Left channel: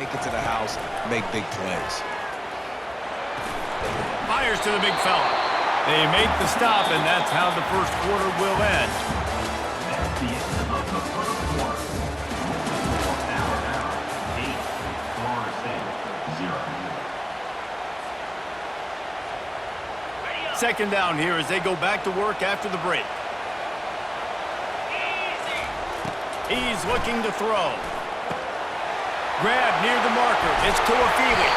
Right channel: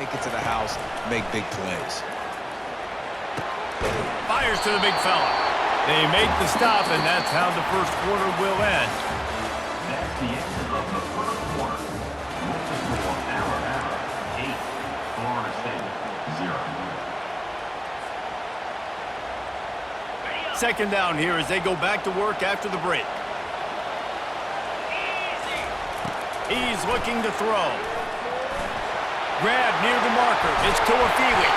Take it to the house, make big plays. Fires to the big fella. They make the stop, and that's how the first quarter will end. That's the end of the first quarter. With the score, Alabama 8, Florida State 0. Second down here as they go back to work after the break. He's looking to throw. Grab near the marker. It's Tuafili.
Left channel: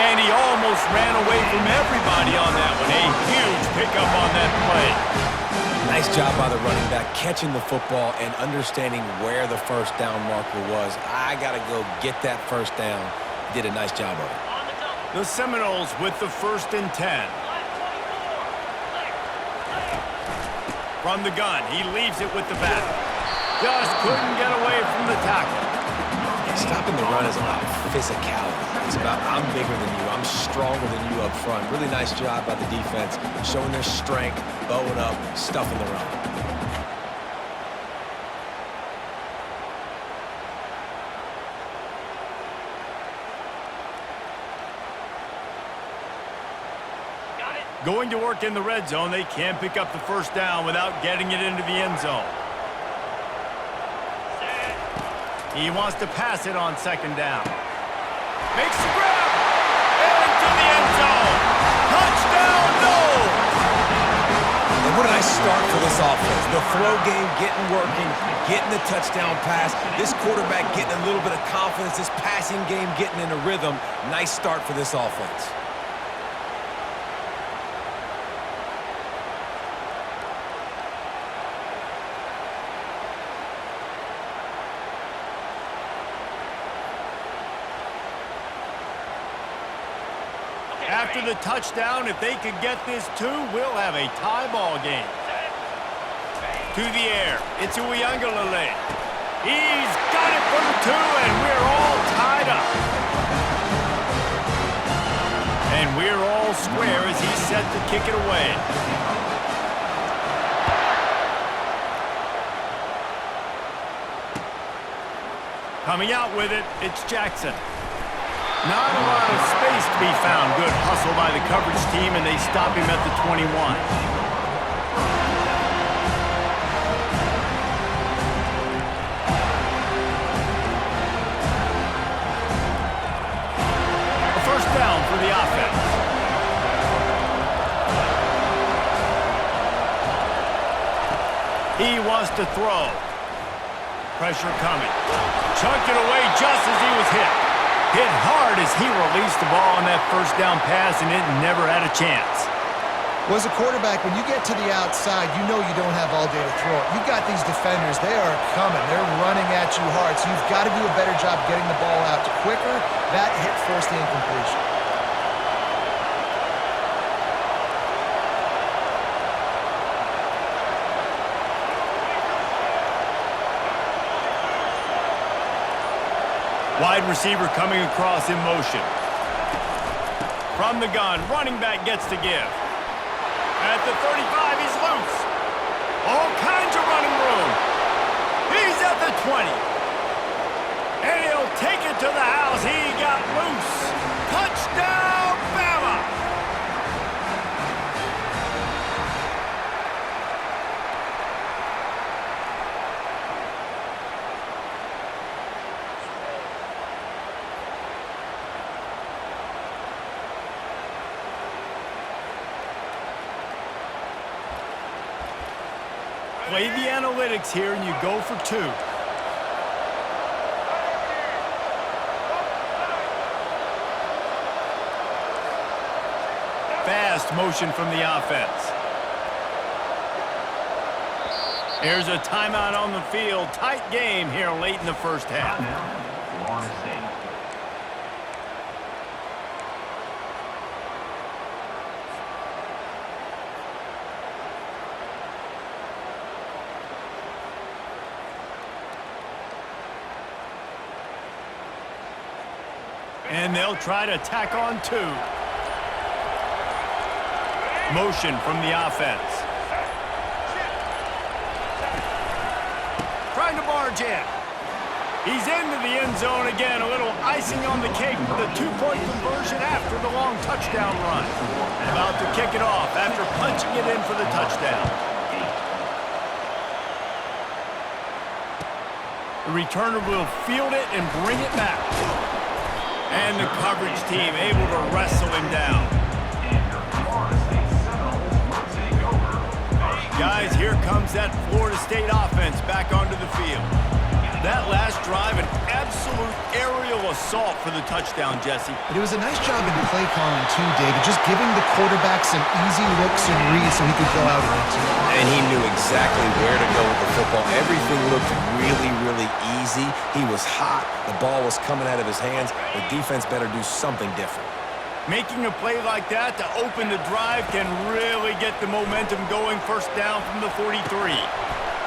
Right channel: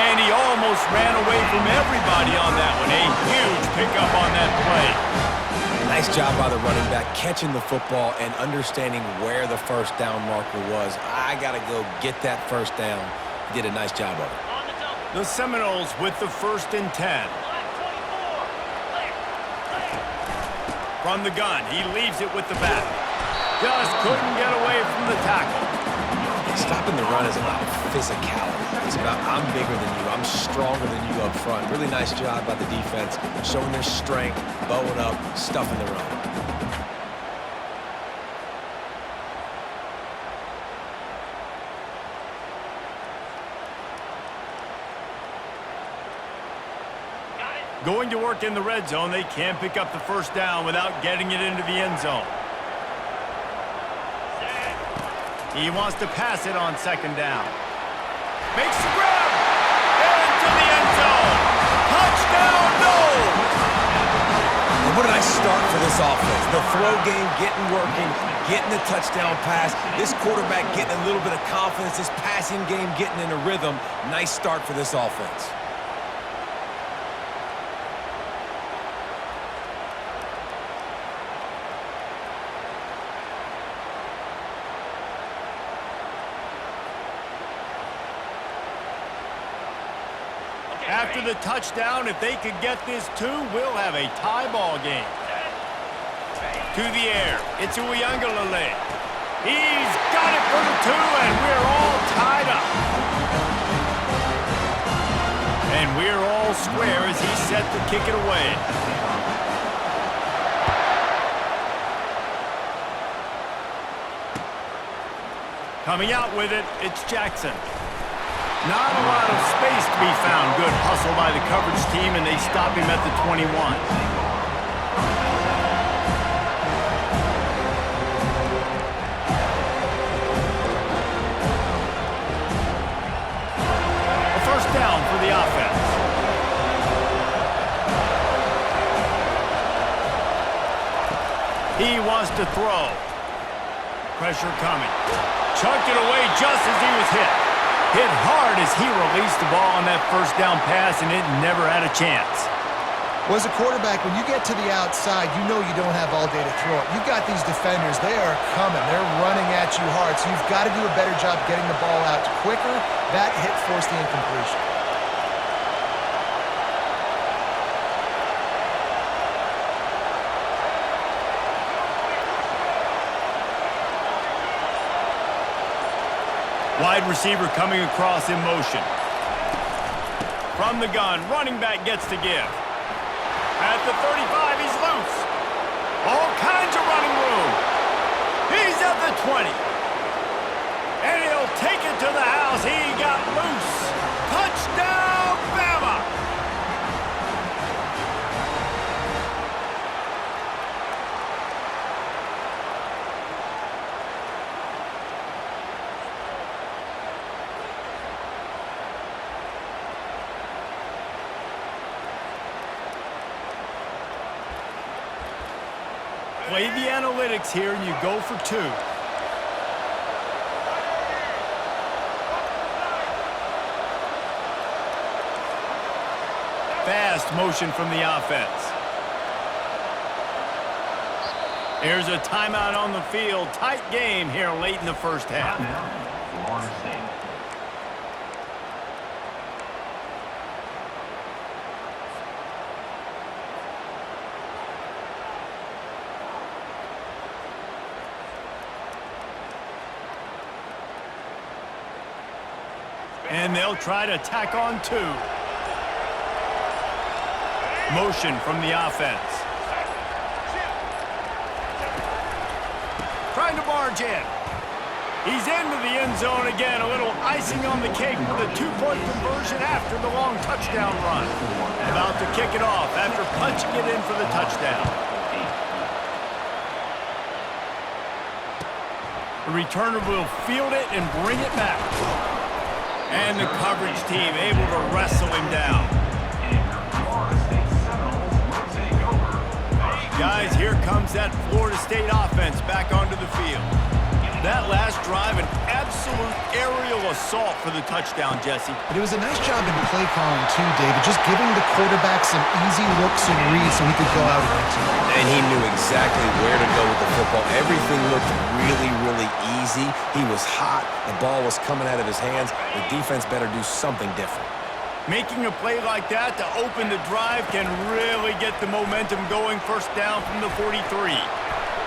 And he almost ran away from everybody on that one. A huge pickup on that play. Nice job by the running back, catching the football and understanding where the first down marker was. I got to go get that first down. He did a nice job of it. The Seminoles with the 1st and 10. From the gun, he leaves it with the back. Just couldn't get away from the tackle. Stopping the run is about physicality. It's about I'm bigger than you, I'm stronger than you up front. Really nice job by the defense, showing their strength, bowing up, stuffing the run. Going to work in the red zone, they can't pick up the first down without getting it into the end zone. He wants to pass it on 2nd down. Makes the grab! Into the end zone! Touchdown, Noles! And what a nice start for this offense. The throw game getting working, getting the touchdown pass. This quarterback getting a little bit of confidence. This passing game getting in a rhythm. Nice start for this offense. After the touchdown, if they could get this too, we'll have a tie ball game. To the air, it's Uiagalelei. He's got it for the 2, and we're all tied up. And we're all square as he's set to kick it away. Coming out with it, it's Jackson. Not a lot of space to be found. Good hustle by the coverage team, and they stop him at the 21. A first down for the offense. He wants to throw. Pressure coming. Chucked it away just as he was hit. Hit hard as he released the ball on that first down pass, and it never had a chance. Well, as a quarterback, when you get to the outside, you know you don't have all day to throw it. You've got these defenders. They are coming. They're running at you hard, so you've got to do a better job getting the ball out quicker. That hit forced the incompletion. Wide receiver coming across in motion. From the gun, running back gets to give. At the 35, he's loose. All kinds of running room. He's at the 20. And he'll take it to the house. He got loose. Touchdown, Bama! Play the analytics here, and you go for 2. Fast motion from the offense. Here's a timeout on the field. Tight game here late in the first half. Florida State. And they'll try to tack on 2. Motion from the offense. Trying to barge in. He's into the end zone again. A little icing on the cake with a 2-point conversion after the long touchdown run. About to kick it off after punching it in for the touchdown. The returner will field it and bring it back. And the coverage team able to wrestle him down. Guys, here comes that Florida State offense back onto the field. That last drive, an absolute aerial assault for the touchdown, Jesse. But it was a nice job in play calling too, David, just giving the quarterback some easy looks and reads so he could go out and execute. And he knew exactly where to go with the football. Everything looked really, really easy. He was hot. The ball was coming out of his hands. The defense better do something different. Making a play like that to open the drive can really get the momentum going. First down from the 43.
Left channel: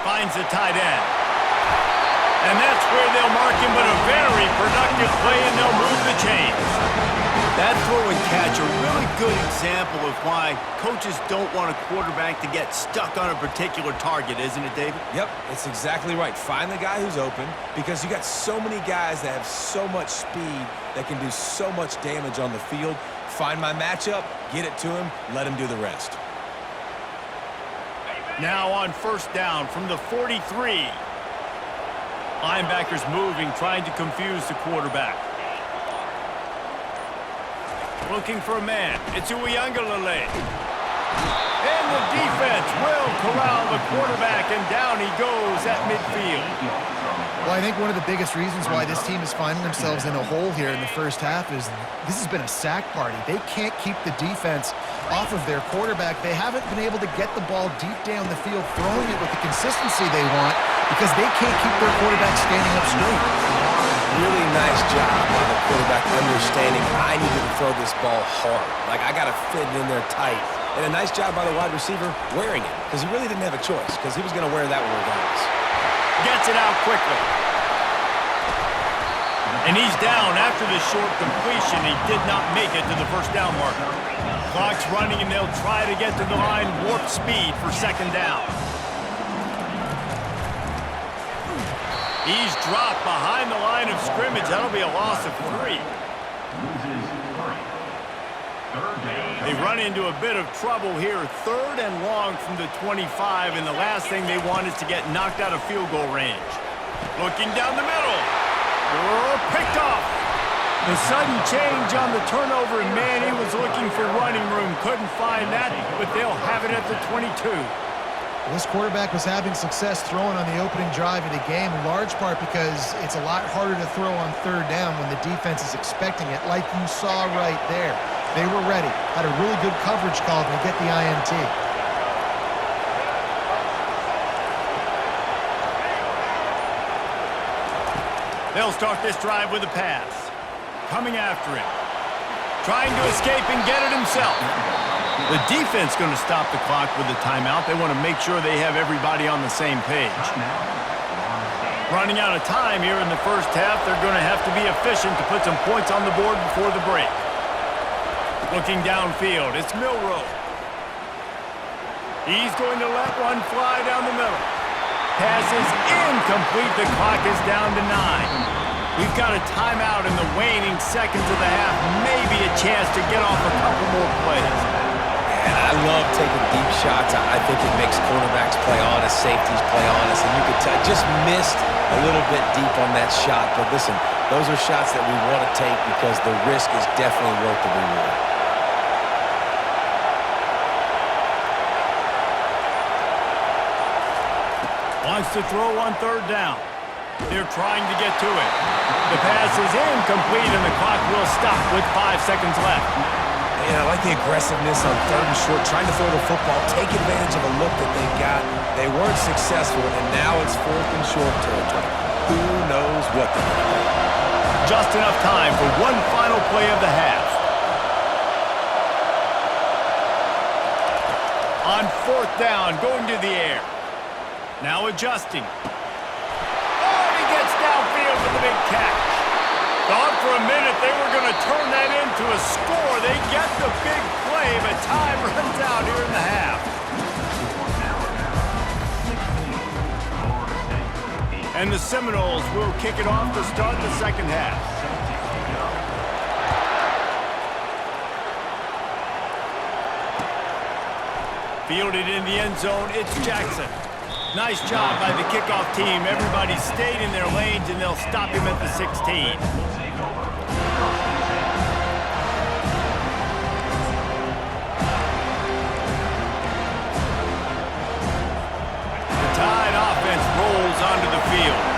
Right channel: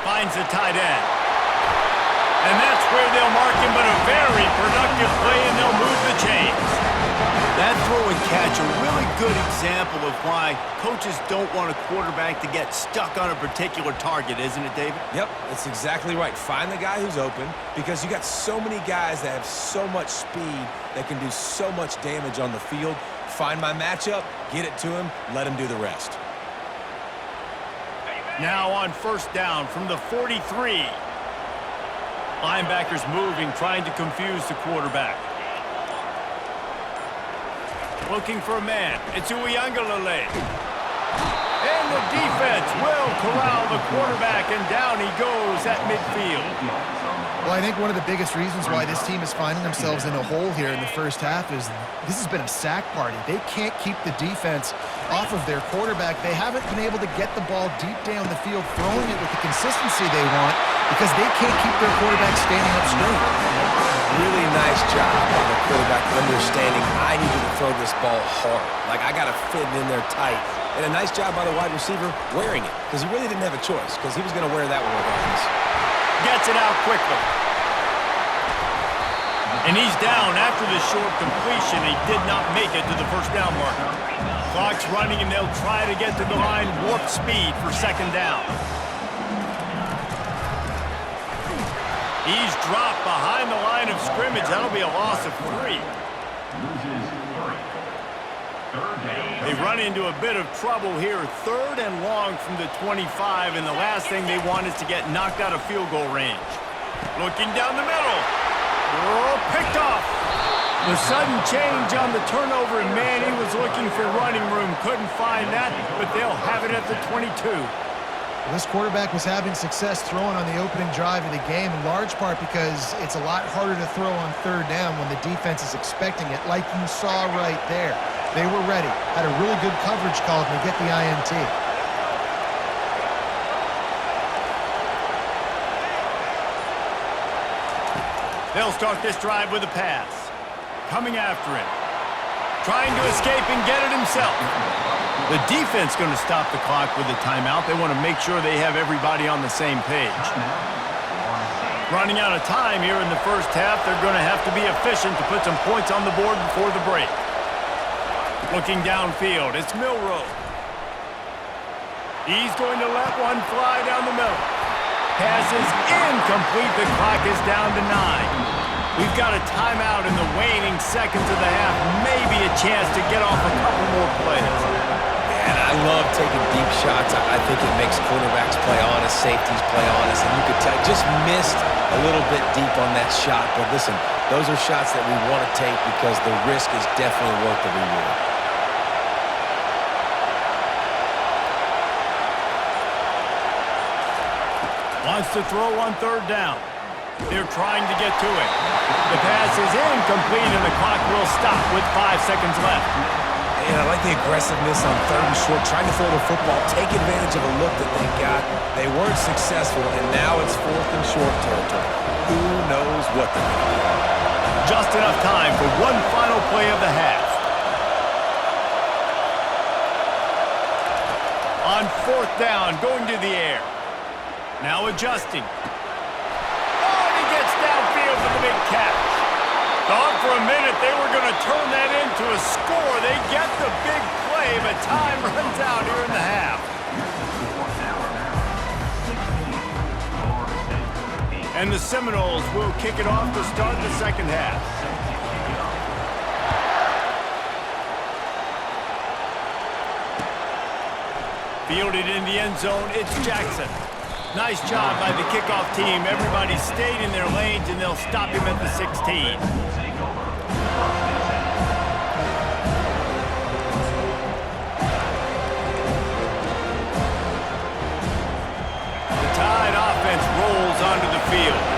Finds the tight end. And that's where they'll mark him, but a very productive play, and they'll move the chains. That throw and catch, a really good example of why coaches don't want a quarterback to get stuck on a particular target, isn't it, David? Yep, that's exactly right. Find the guy who's open, because you got so many guys that have so much speed that can do so much damage on the field. Find my matchup, get it to him, let him do the rest. Now on first down from the 43. Linebackers moving, trying to confuse the quarterback. Looking for a man. It's Uiagalelei. And the defense will corral the quarterback, and down he goes at midfield. Well, I think one of the biggest reasons why this team is finding themselves in a hole here in the first half is this has been a sack party. They can't keep the defense off of their quarterback. They haven't been able to get the ball deep down the field, throwing it with the consistency they want, because they can't keep their quarterback standing up straight. Really nice job by the quarterback understanding I needed to throw this ball hard. Like, I got to fit it in there tight. And a nice job by the wide receiver wearing it, because he really didn't have a choice, because he was going to wear that one regardless. Gets it out quickly. And he's down after the short completion. He did not make it to the first down marker. Clock's running, and they'll try to get to the line warp speed for second down. He's dropped behind the line of scrimmage. That'll be a loss of 3. They run into a bit of trouble here. 3rd and long from the 25, and the last thing they want is to get knocked out of field goal range. Looking down the middle. Oh, picked off. The sudden change on the turnover, and man, he was looking for running room. Couldn't find that, but they'll have it at the 22. This quarterback was having success throwing on the opening drive of the game, in large part because it's a lot harder to throw on 3rd down when the defense is expecting it, like you saw right there. They were ready, had a really good coverage call to get the INT. They'll start this drive with a pass. Coming after him. Trying to escape and get it himself. The defense going to stop the clock with a timeout. They want to make sure they have everybody on the same page. Running out of time here in the first half. They're going to have to be efficient to put some points on the board before the break. Looking downfield, it's Milroe. He's going to let one fly down the middle. Pass is incomplete. The clock is down to 9. We've got a timeout in the waning seconds of the half. Maybe a chance to get off a couple more plays. And I love taking deep shots. I think it makes cornerbacks play honest, safeties play honest, and you could tell just missed a little bit deep on that shot. But listen, those are shots that we want to take because the risk is definitely worth the reward. Wants to throw on 3rd down. They're trying to get to it. The pass is incomplete, and the clock will stop with 5 seconds left. And I like the aggressiveness on 3rd and short, trying to throw the football, take advantage of a look that they got. They weren't successful, and now it's 4th and short territory. Who knows what they're going to do? Just enough time for one final play of the half. On 4th down, going to the air. Now adjusting. Oh, and he gets downfield for the big catch. Thought for a minute they were going to turn that into a score. They get the big play, but time runs out here in the half. And the Seminoles will kick it off to start the second half. Fielded in the end zone, it's Jackson. Nice job by the kickoff team. Everybody stayed in their lanes, and they'll stop him at the 16. The Tide offense rolls onto the field.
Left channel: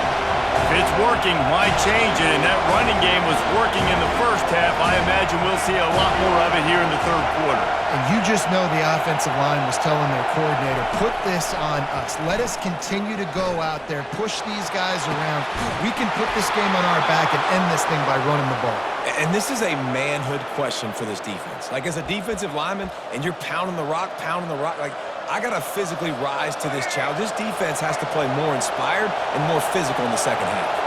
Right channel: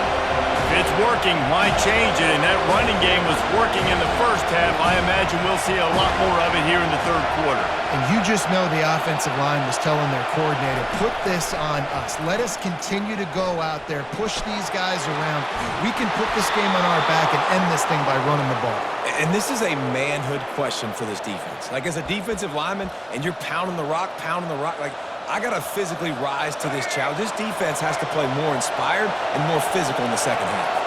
If it's working, why change it? And that running game was working in the first half. I imagine we'll see a lot more of it here in the third quarter. And you just know the offensive line was telling their coordinator, put this on us. Let us continue to go out there, push these guys around. We can put this game on our back and end this thing by running the ball. And this is a manhood question for this defense. Like, as a defensive lineman, and you're pounding the rock, like, I got to physically rise to this challenge. This defense has to play more inspired and more physical in the second half.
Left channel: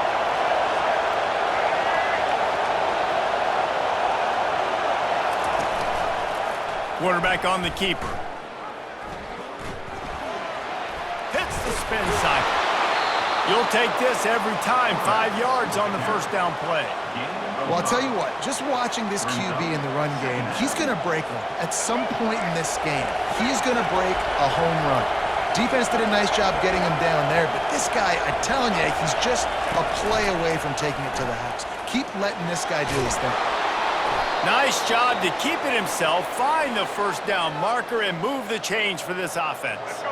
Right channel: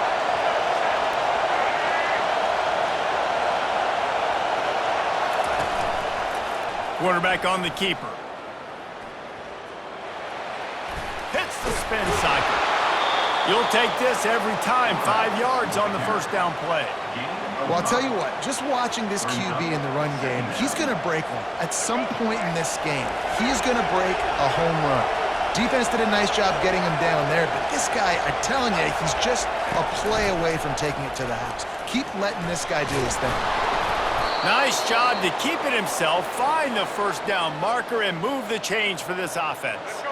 Quarterback on the keeper. Hits the spin cycle. You'll take this every time. 5 yards on the first down play. Well, I'll tell you what, just watching this QB in the run game, he's going to break one. At some point in this game, he is going to break a home run. Defense did a nice job getting him down there, but this guy, I'm telling you, he's just a play away from taking it to the house. Keep letting this guy do his thing. Nice job to keep it himself, find the first down marker, and move the change for this offense.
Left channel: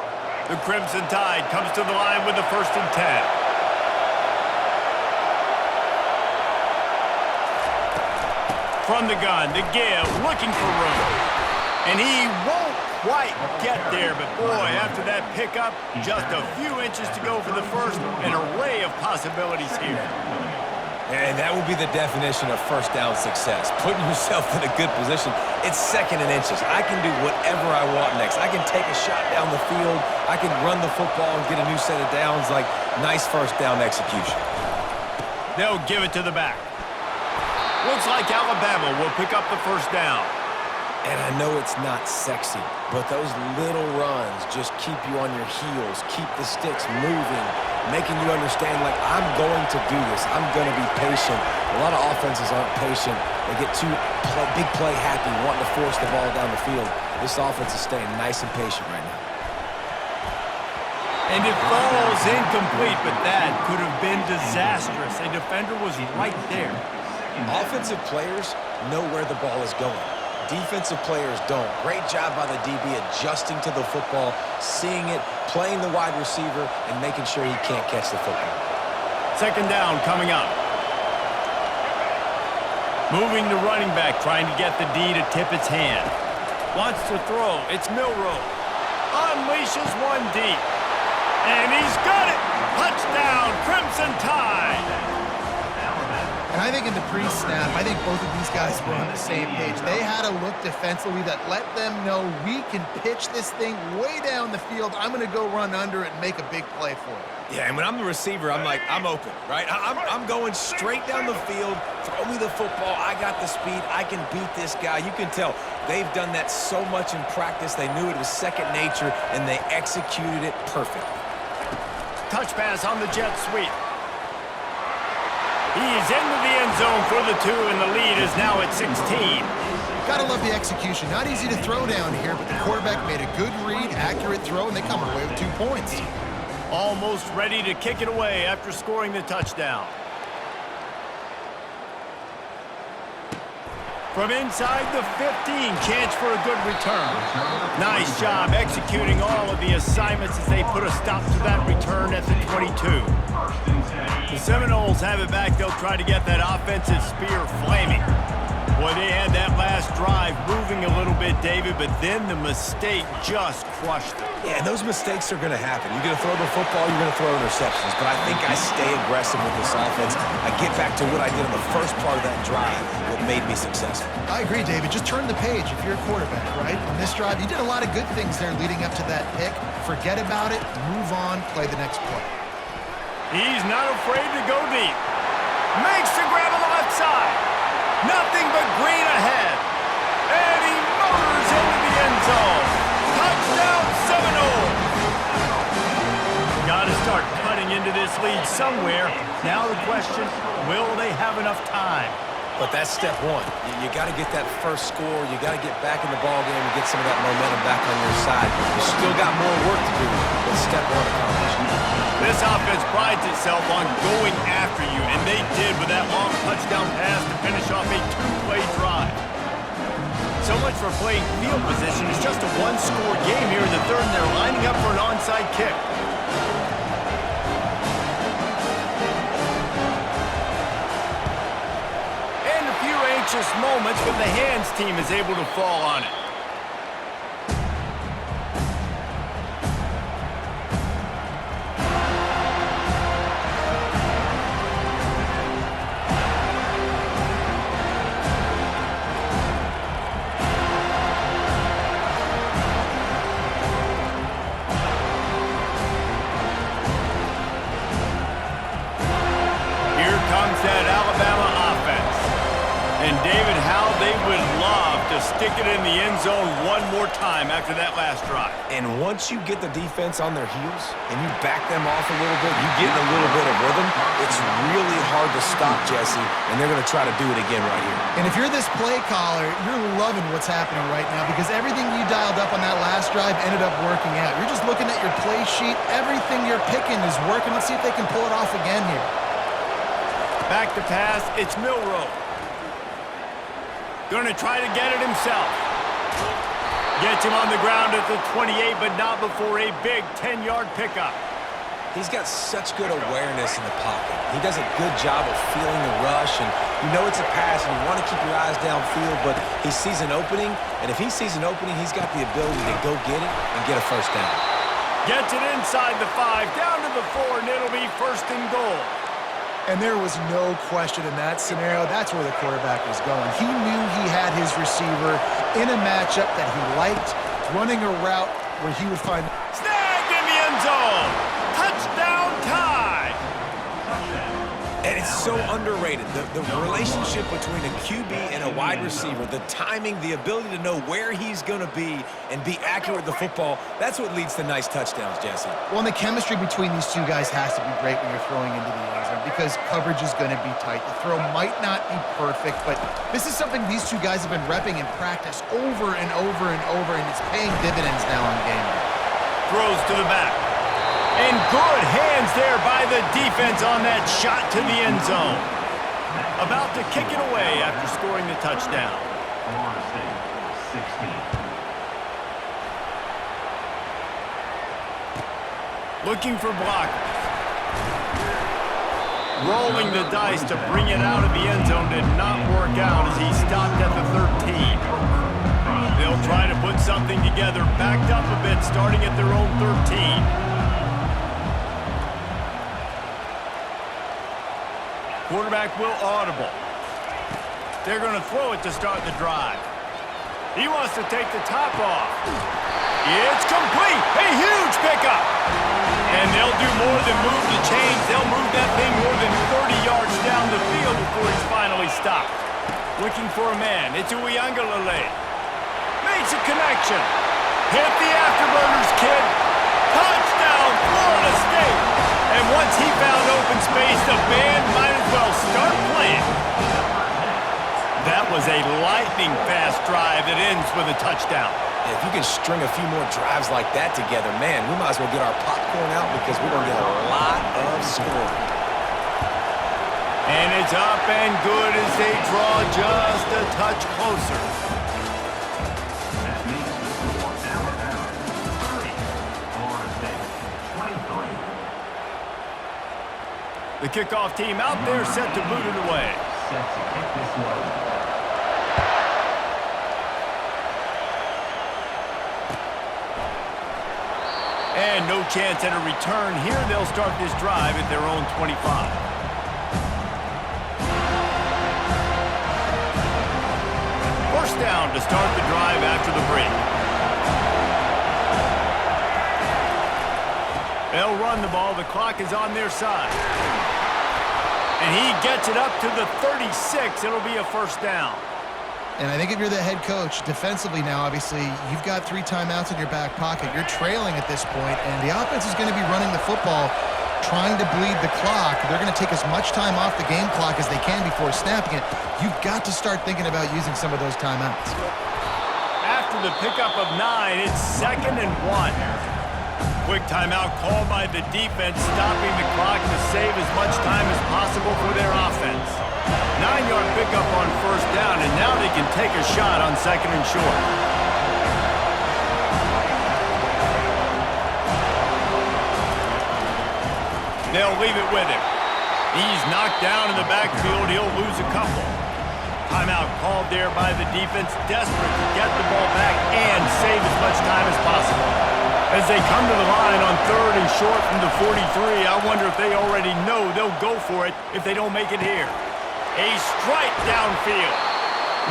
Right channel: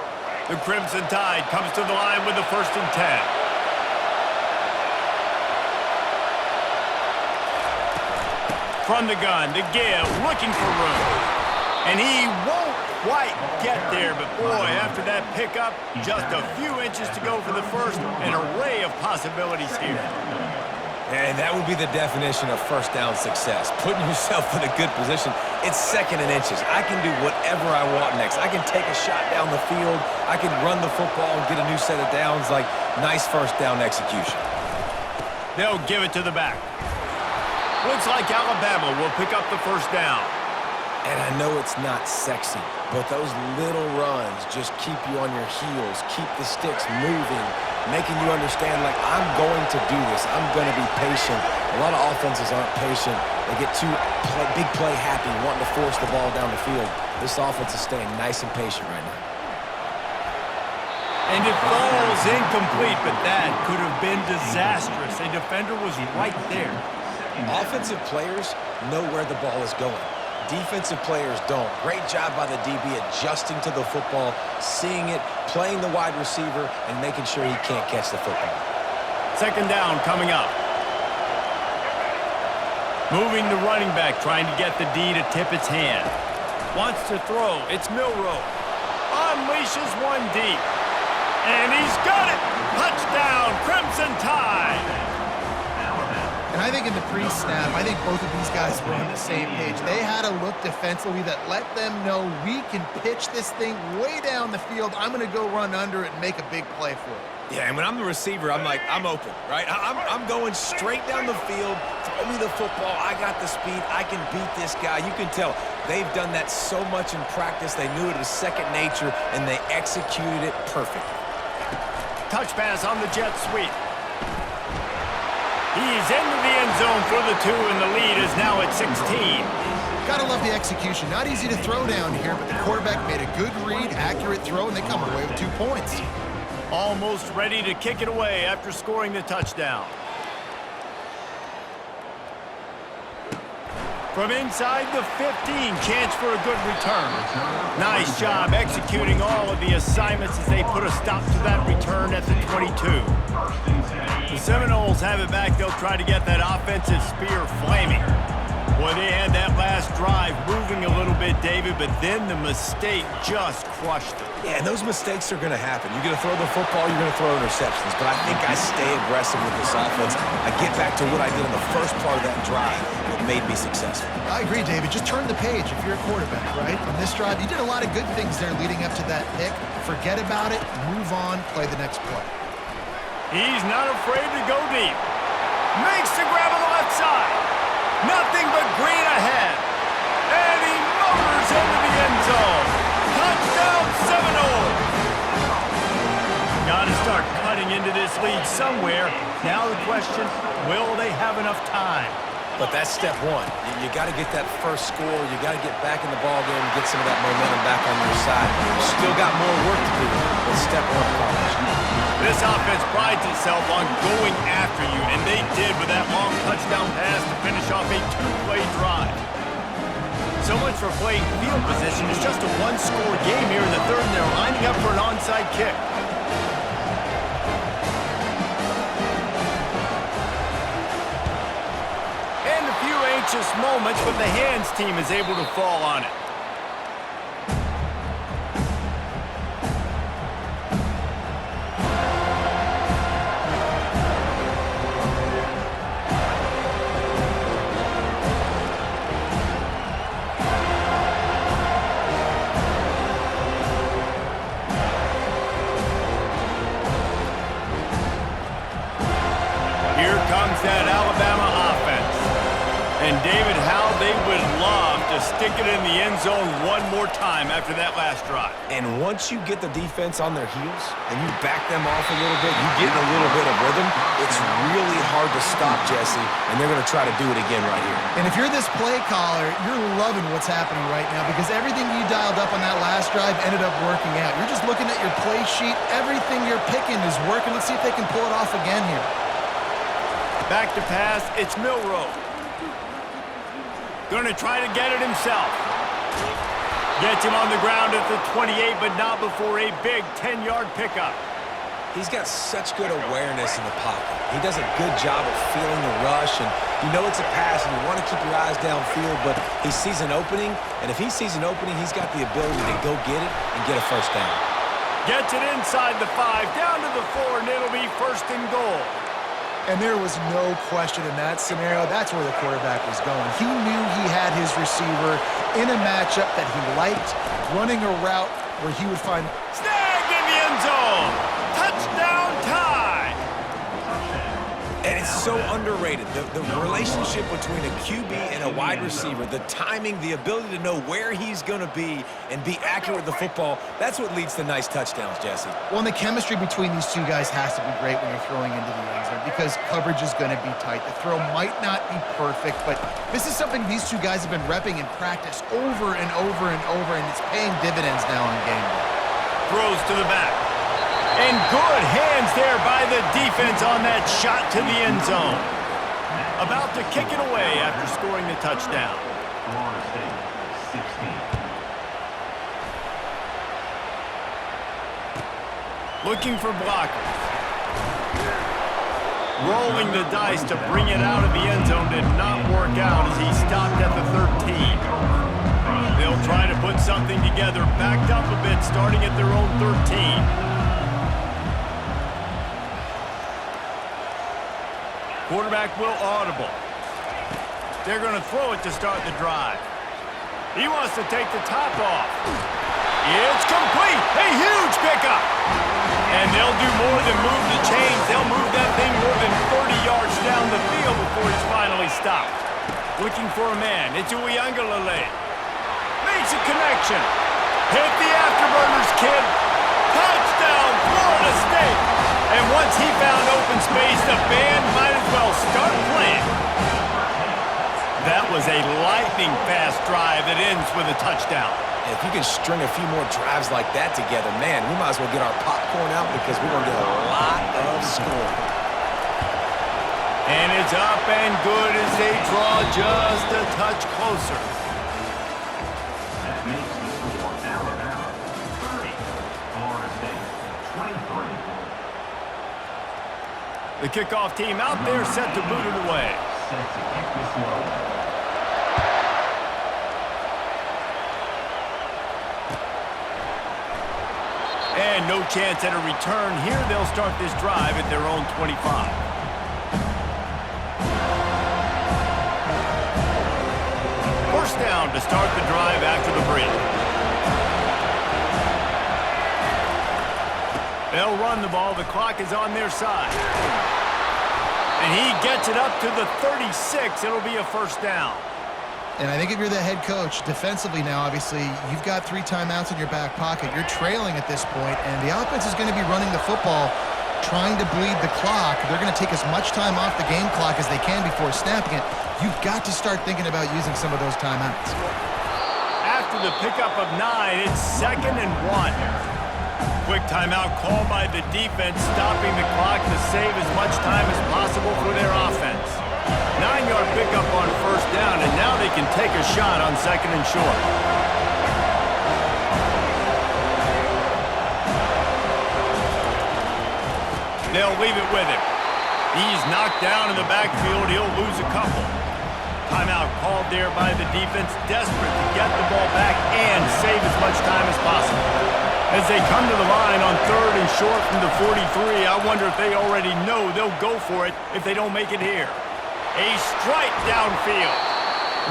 The Crimson Tide comes to the line with the 1st and 10. From the gun, to give, looking for room. And he won't quite get there, but boy, after that pickup, just a few inches to go for the first. An array of possibilities here. And that will be the definition of first down success. Putting yourself in a good position. It's 2nd and inches. I can do whatever I want next. I can take a shot down the field. I can run the football and get a new set of downs. Like, nice first down execution. They'll give it to the back. Looks like Alabama will pick up the first down. And I know it's not sexy, but those little runs just keep you on your heels, keep the sticks moving, making you understand, like, I'm going to do this. I'm going to be patient. A lot of offenses aren't patient. They get too big play happy, wanting to force the ball down the field. This offense is staying nice and patient right now. And it falls incomplete, but that could have been disastrous. A defender was right there. Offensive players know where the ball is going. Defensive players don't. Great job by the DB adjusting to the football, seeing it, playing the wide receiver, and making sure he can't catch the football. 2nd down coming up. Moving the running back, trying to get the D to tip its hand. Wants to throw. It's Milroe. Unleashes one deep. And he's got it! Touchdown, Crimson Tide! And I think in the pre-snap, I think both of these guys were on the same page. They had a look defensively that let them know we can pitch this thing way down the field. I'm going to go run under it and make a big play for it. Yeah, and when I'm the receiver, I'm like, I'm open, right? I'm going straight down the field. Throw me the football. I got the speed. I can beat this guy. You can tell they've done that so much in practice. They knew it was second nature, and they executed it perfectly. Touch pass on the jet sweep. He's into the end zone for the 2, and the lead is now at 16. Gotta love the execution. Not easy to throw down here, but the quarterback made a good read, accurate throw, and they come away with 2 points. Almost ready to kick it away after scoring the touchdown. From inside the 15, chance for a good return. Nice job executing all of the assignments as they put a stop to that return at the 22. The Seminoles have it back. They'll try to get that offensive spear flaming. Boy, they had that last drive moving a little bit, David, but then the mistake just crushed them. Yeah, and those mistakes are going to happen. You're going to throw the football, you're going to throw interceptions, but I think I stay aggressive with this offense. I get back to what I did in the first part of that drive, what made me successful. I agree, David. Just turn the page if you're a quarterback, right? On this drive, you did a lot of good things there leading up to that pick. Forget about it, move on, play the next play. He's not afraid to go deep. Makes the grab on the left side. Nothing but green ahead. And he motors into the end zone. Touchdown, Seminoles. Got got to start cutting into this lead somewhere. Now the question, will they have enough time? But that's step one. You got to get that first score. You got to get back in the ball game and get some of that momentum back on your side. You still got more work to do, but step one accomplished. This offense prides itself on going after you, and they did with that long touchdown pass to finish off a two-play drive. So much for playing field position. It's just a one-score game here in the third, and they're lining up for an onside kick. And a few anxious moments, but the hands team is able to fall on it. Here comes that Alabama offense. And David, how they would love to stick it in the end zone one more time after that last drive. And once you get the defense on their heels and you back them off a little bit, you get in a little bit of rhythm, it's really hard to stop, Jesse, and they're going to try to do it again right here. And if you're this play caller, you're loving what's happening right now because everything you dialed up on that last drive ended up working out. You're just looking at your play sheet. Everything you're picking is working. Let's see if they can pull it off again here. Back to pass, it's Milroe. Going to try to get it himself. Gets him on the ground at the 28, but not before a big 10-yard pickup. He's got such good awareness in the pocket. He does a good job of feeling the rush, and you know it's a pass, and you want to keep your eyes downfield, but he sees an opening, and if he sees an opening, he's got the ability to go get it and get a first down. Gets it inside the 5, down to the 4, and it'll be first and goal. And there was no question in that scenario. That's where the quarterback was going. He knew he had his receiver in a matchup that he liked, running a route where he would find... Snagged in the end zone. Touchdown tie. And it's so underrated. The relationship between a QB and a wide receiver, the timing, the ability to know where he's going to be and be accurate with the football, that's what leads to nice touchdowns, Jesse. Well, and the chemistry between these two guys has to be great when you're throwing into the end zone because coverage is going to be tight. The throw might not be perfect, but this is something these two guys have been repping in practice over and over and over, and it's paying dividends now on game day. Throws to the back. And good hands there by the defense on that shot to the end zone. About to kick it away after scoring the touchdown. Florida State, 16. Looking for blockers. Rolling the dice to bring it out of the end zone did not work out as he stopped at the 13. They'll try to put something together, backed up a bit, starting at their own 13. Quarterback will audible. They're going to throw it to start the drive. He wants to take the top off. It's complete. A huge pickup. And they'll do more than move the chains. They'll move that thing more than 30 yards down the field before it's finally stopped. Looking for a man. It's Uiagalelei. Makes a connection. Hit the afterburners, kid. Touchdown, Florida State. And once he found open space, the band might as well start playing. That was a lightning-fast drive that ends with a touchdown. And if you can string a few more drives like that together, man, we might as well get our popcorn out because we're going to get a lot of scoring. And it's up and good as they draw just a touch closer. That makes the score Alabama 30, Florida State 23. The kickoff team out there set to boot it away. Set to kick this one. And no chance at a return here. They'll start this drive at their own 25. First down to start the drive after the break. They'll run the ball. The clock is on their side. And he gets it up to the 36. It'll be a first down. And I think if you're the head coach, defensively now, obviously, you've got 3 timeouts in your back pocket. You're trailing at this point, and the offense is going to be running the football, trying to bleed the clock. They're going to take as much time off the game clock as they can before snapping it. You've got to start thinking about using some of those timeouts. After the pickup of 9, it's 2nd and 1. Quick timeout called by the defense, stopping the clock to save as much time as possible for their offense. 9-yard pickup on 1st down, and now they can take a shot on 2nd and short. They'll leave it with him. He's knocked down in the backfield. He'll lose a couple. Timeout called there by the defense, desperate to get the ball back and save as much time as possible. As they come to the line on 3rd and short from the 43, I wonder if they already know they'll go for it if they don't make it here. A strike downfield.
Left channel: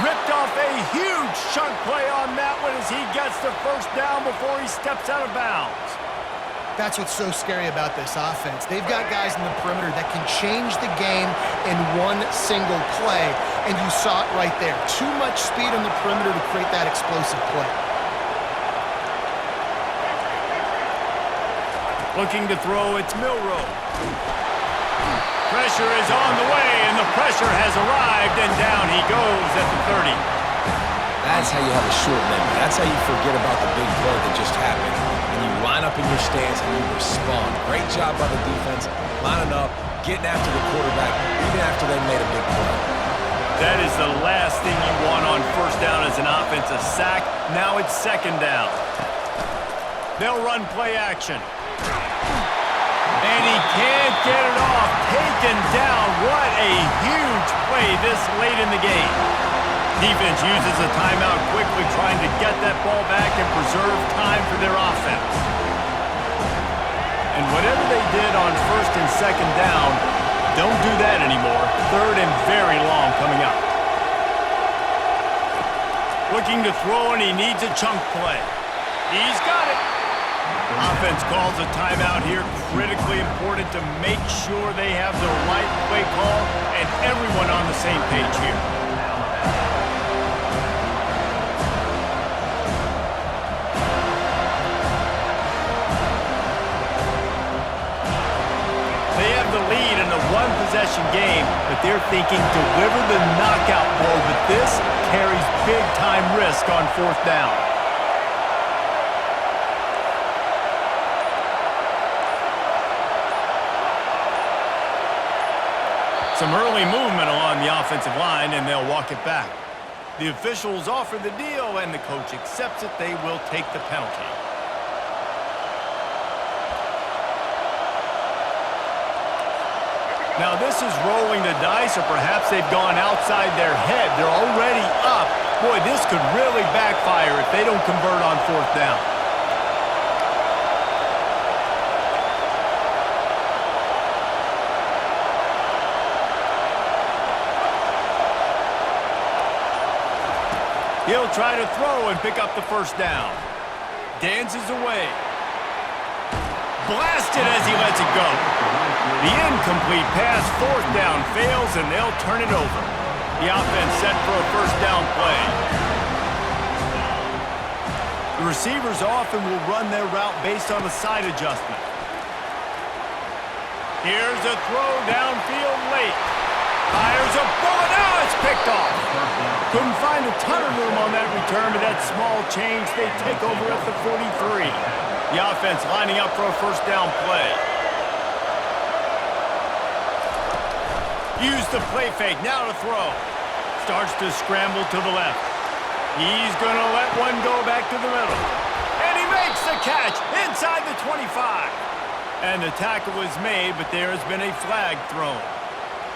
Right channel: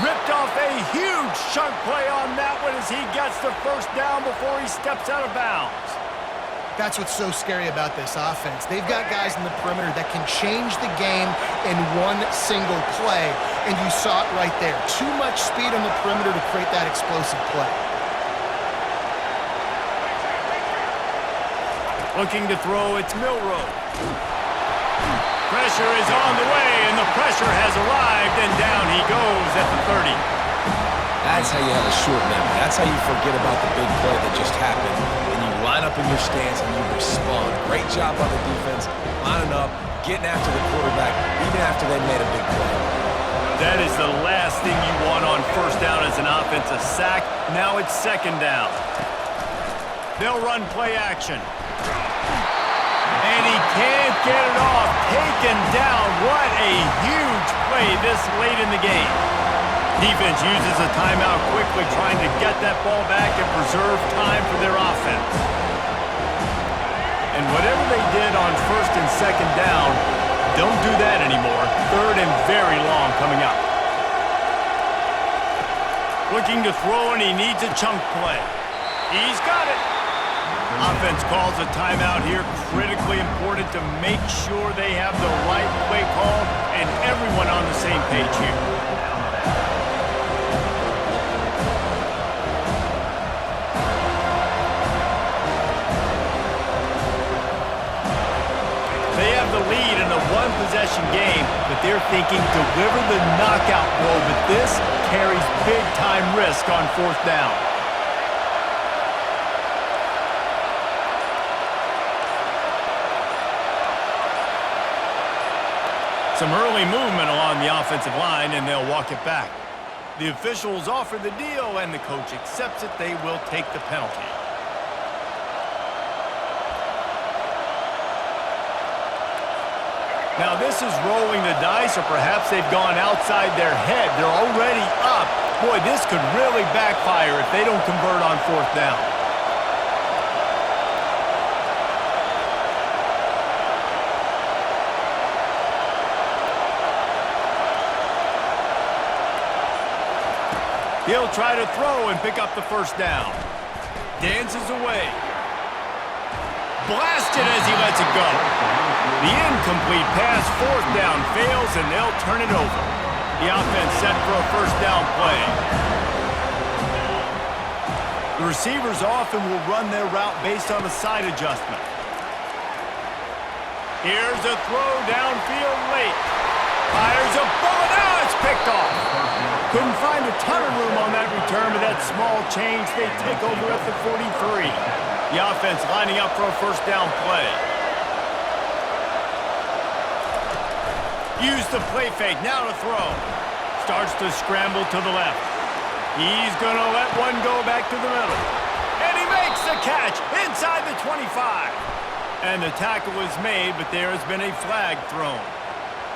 Ripped off a huge chunk play on that one as he gets the 1st down before he steps out of bounds. That's what's so scary about this offense. They've got guys in the perimeter that can change the game in one single play, and you saw it right there. Too much speed on the perimeter to create that explosive play. Looking to throw, it's Milroe. Pressure is on the way, and the pressure has arrived, and down he goes at the 30. That's how you have a short memory. That's how you forget about the big play that just happened, and you line up in your stance and you respond. Great job by the defense, lining up, getting after the quarterback, even after they made a big play. That is the last thing you want on 1st down as an offense, a sack. Now it's 2nd down. They'll run play action. And he can't get it off. Taken down. What a huge play this late in the game. Defense uses a timeout quickly, trying to get that ball back and preserve time for their offense. And whatever they did on 1st and 2nd down, don't do that anymore. 3rd and very long coming up. Looking to throw, and he needs a chunk play. He's got it. Offense calls a timeout here. Critically important to make sure they have the right play call and everyone on the same page here. They have the lead in a one-possession game, but they're thinking deliver the knockout blow, but this carries big-time risk on 4th down. Some early movement along the offensive line, and they'll walk it back. The officials offer the deal, and the coach accepts it. They will take the penalty. Now this is rolling the dice, or perhaps they've gone outside their head. They're already up. Boy, this could really backfire if they don't convert on 4th down. He'll try to throw and pick up the 1st down. Dances away. Blasted as he lets it go. The incomplete pass, 4th down, fails, and they'll turn it over. The offense set for a 1st down play. The receivers often will run their route based on a side adjustment. Here's a throw downfield late. Fires a bullet. Now it's picked off. Couldn't find a ton of room on that return, but that small change, they take over at the 43. The offense lining up for a 1st down play. Use the play fake, now to throw. Starts to scramble to the left. He's going to let one go back to the middle. And he makes the catch inside the 25. And the tackle is made, but there has been a flag thrown.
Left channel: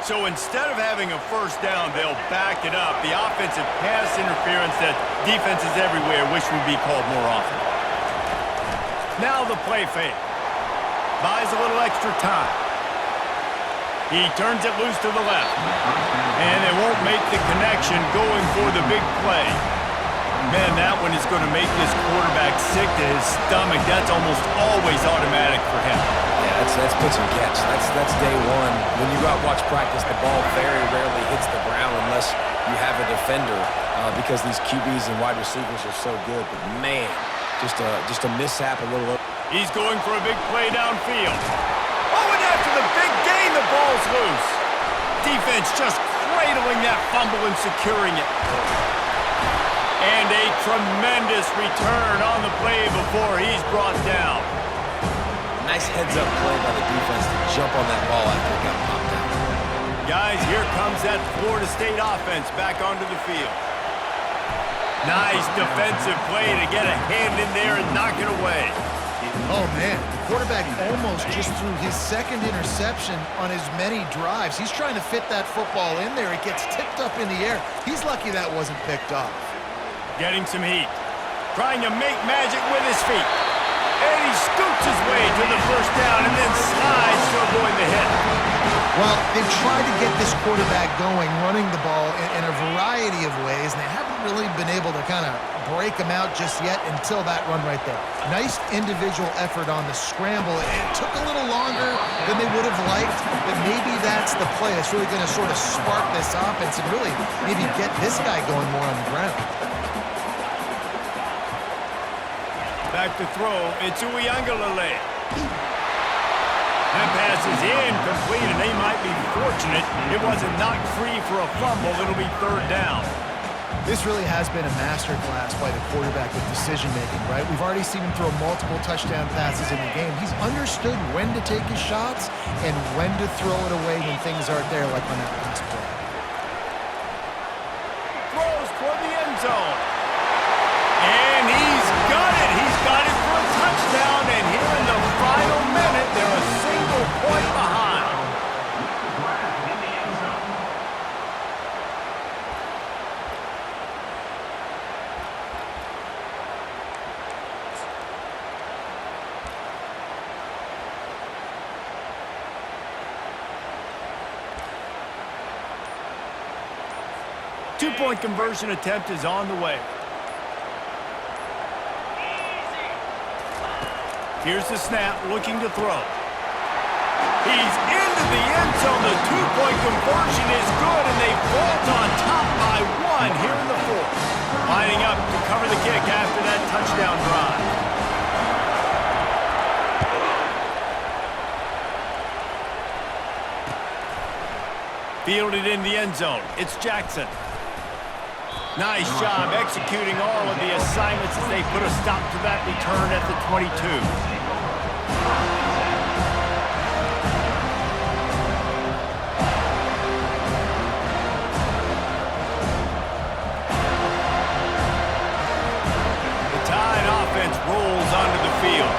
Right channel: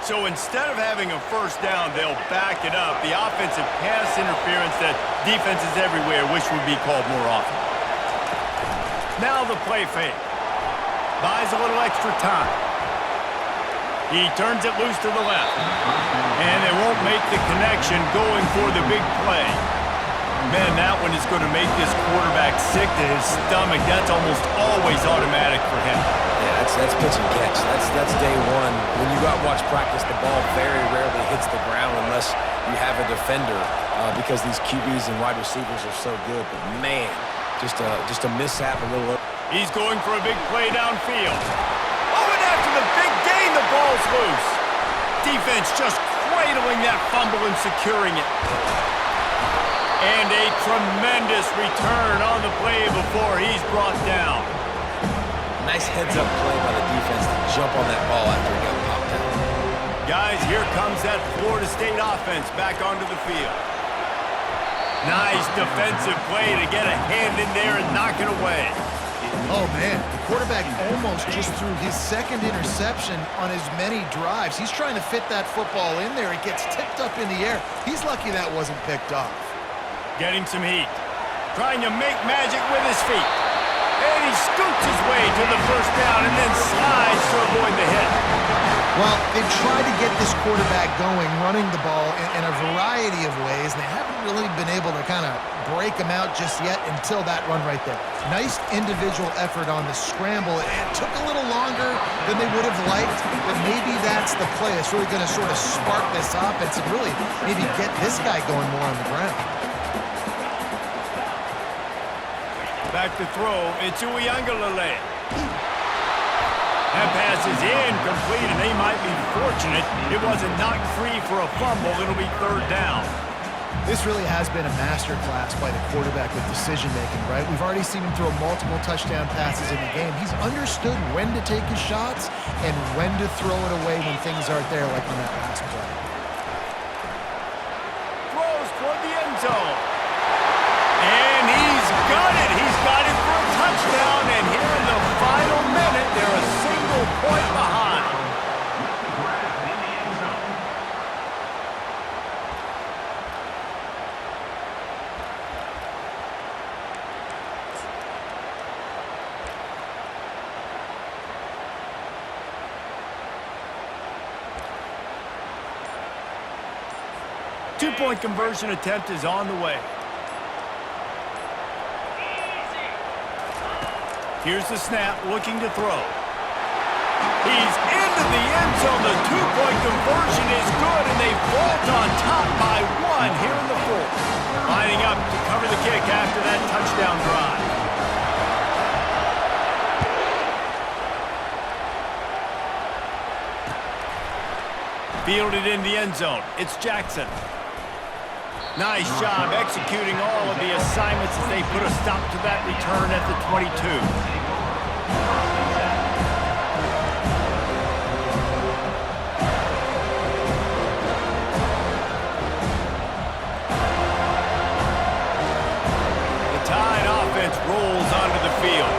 So instead of having a 1st down, they'll back it up. The offensive pass interference that defenses everywhere wish would be called more often. Now the play fake. Buys a little extra time. He turns it loose to the left. And they won't make the connection going for the big play. Man, that one is going to make this quarterback sick to his stomach. That's almost always automatic for him. Yeah, that's pitch and catch. That's day one. When you go out and watch practice, the ball very rarely hits the ground unless you have a defender because these QBs and wide receivers are so good. But man, just a mishap, a little. He's going for a big play downfield. Oh, and after the big gain, the ball's loose. Defense just cradling that fumble and securing it. And a tremendous return on the play before he's brought down. Nice heads-up play by the defense to jump on that ball after it got popped out. Guys, here comes that Florida State offense back onto the field. Nice defensive play to get a hand in there and knock it away. Oh, man, the quarterback almost just threw his second interception on as many drives. He's trying to fit that football in there. It gets tipped up in the air. He's lucky that wasn't picked off. Getting some heat. Trying to make magic with his feet. And he scoots his way to the first down and then slides to avoid the hit. Well, they've tried to get this quarterback going, running the ball in a variety of ways, and they haven't really been able to kind of break him out just yet until that run right there. Nice individual effort on the scramble. It took a little longer than they would have liked, but maybe that's the play that's really going to sort of spark this offense and really maybe get this guy going more on the ground. Back to throw, it's Uiagalelei. That pass is incomplete, and they might be fortunate it wasn't knocked free for a fumble. It'll be third down. This really has been a masterclass by the quarterback with decision-making, right? We've already seen him throw multiple touchdown passes in the game. He's understood when to take his shots and when to throw it away when things aren't there, like on that last play. Throws toward the end zone. And he's got it. He's got it for a touchdown. And here in the final minute, they're a single point behind. In the end zone. Two-point conversion attempt is on the way. Here's the snap, looking to throw. He's into the end zone. The two-point conversion is good, and they vault on top by one here in the fourth. Lining up to cover the kick after that touchdown drive. Fielded in the end zone. It's Jackson. Nice job executing all of the assignments as they put a stop to that return at the 22. The Tide offense rolls onto the field.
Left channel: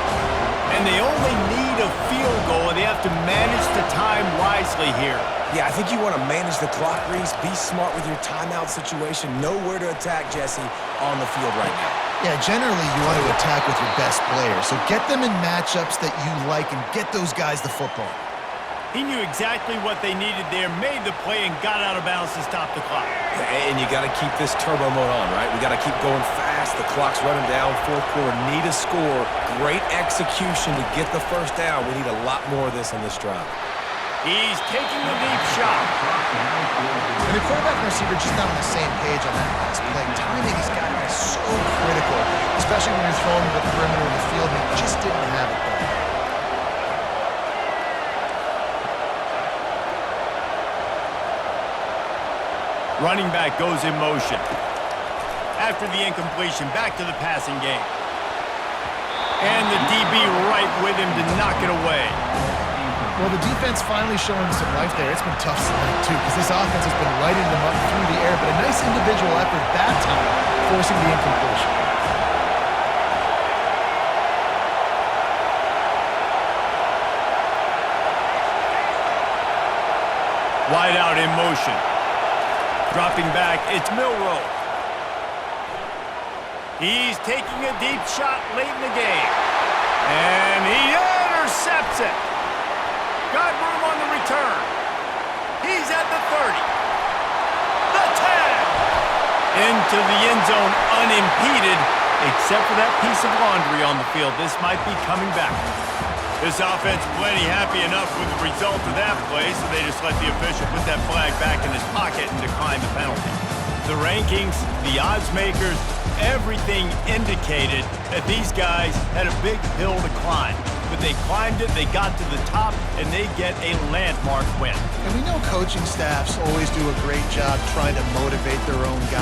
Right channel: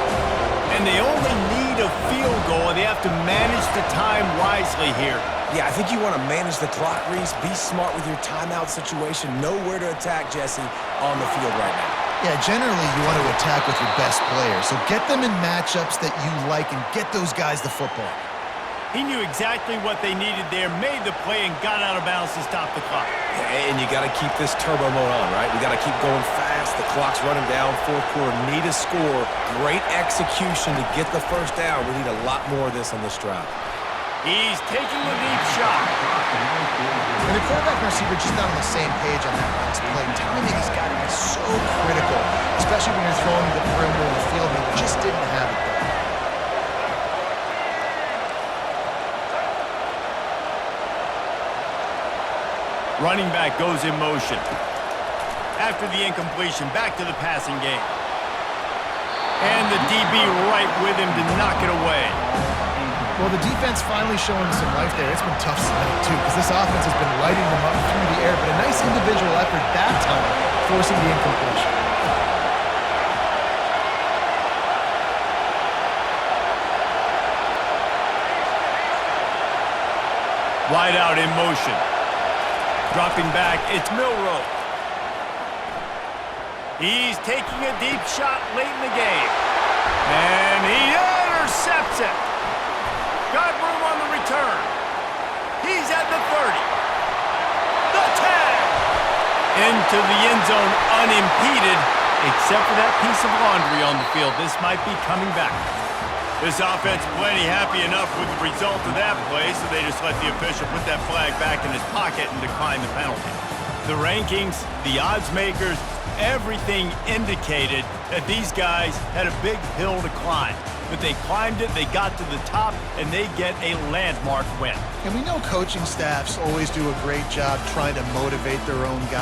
And they only need a field goal, and they have to manage the time wisely here. Yeah, I think you want to manage the clock, Reese. Be smart with your timeout situation. Know where to attack, Jesse, on the field right now. Yeah, generally you want to attack with your best players. So get them in matchups that you like and get those guys the football. He knew exactly what they needed there, made the play, and got out of bounds to stop the clock. And you got to keep this turbo mode on, right? We got to keep going fast. The clock's running down. Fourth quarter, need a score. Great execution to get the first down. We need a lot more of this on this drive. He's taking the deep shot. And the quarterback and receiver just not on the same page on that last play. Timing has got to be so critical, especially when you're throwing to the perimeter in the field, and they just didn't have it there. Running back goes in motion. After the incompletion, back to the passing game. And the DB right with him to knock it away. Well, the defense finally showing some life there. It's been tough sledding, too, because this offense has been lighting them up through the air, but a nice individual effort that time, forcing the incompletion. Wide out in motion. Dropping back, it's Milroe. He's taking a deep shot late in the game. And he intercepts it. Got room on the return. He's at the 30. The 10. into the end zone unimpeded, except for that piece of laundry on the field. This might be coming back. This offense plenty happy enough with the result of that play, so they just let the official put that flag back in his pocket and decline the penalty. The rankings, the odds makers, everything indicated that these guys had a big hill to climb. But they climbed it, they got to the top, and they get a landmark win. And we know coaching staffs always do a great job trying to motivate their own guys.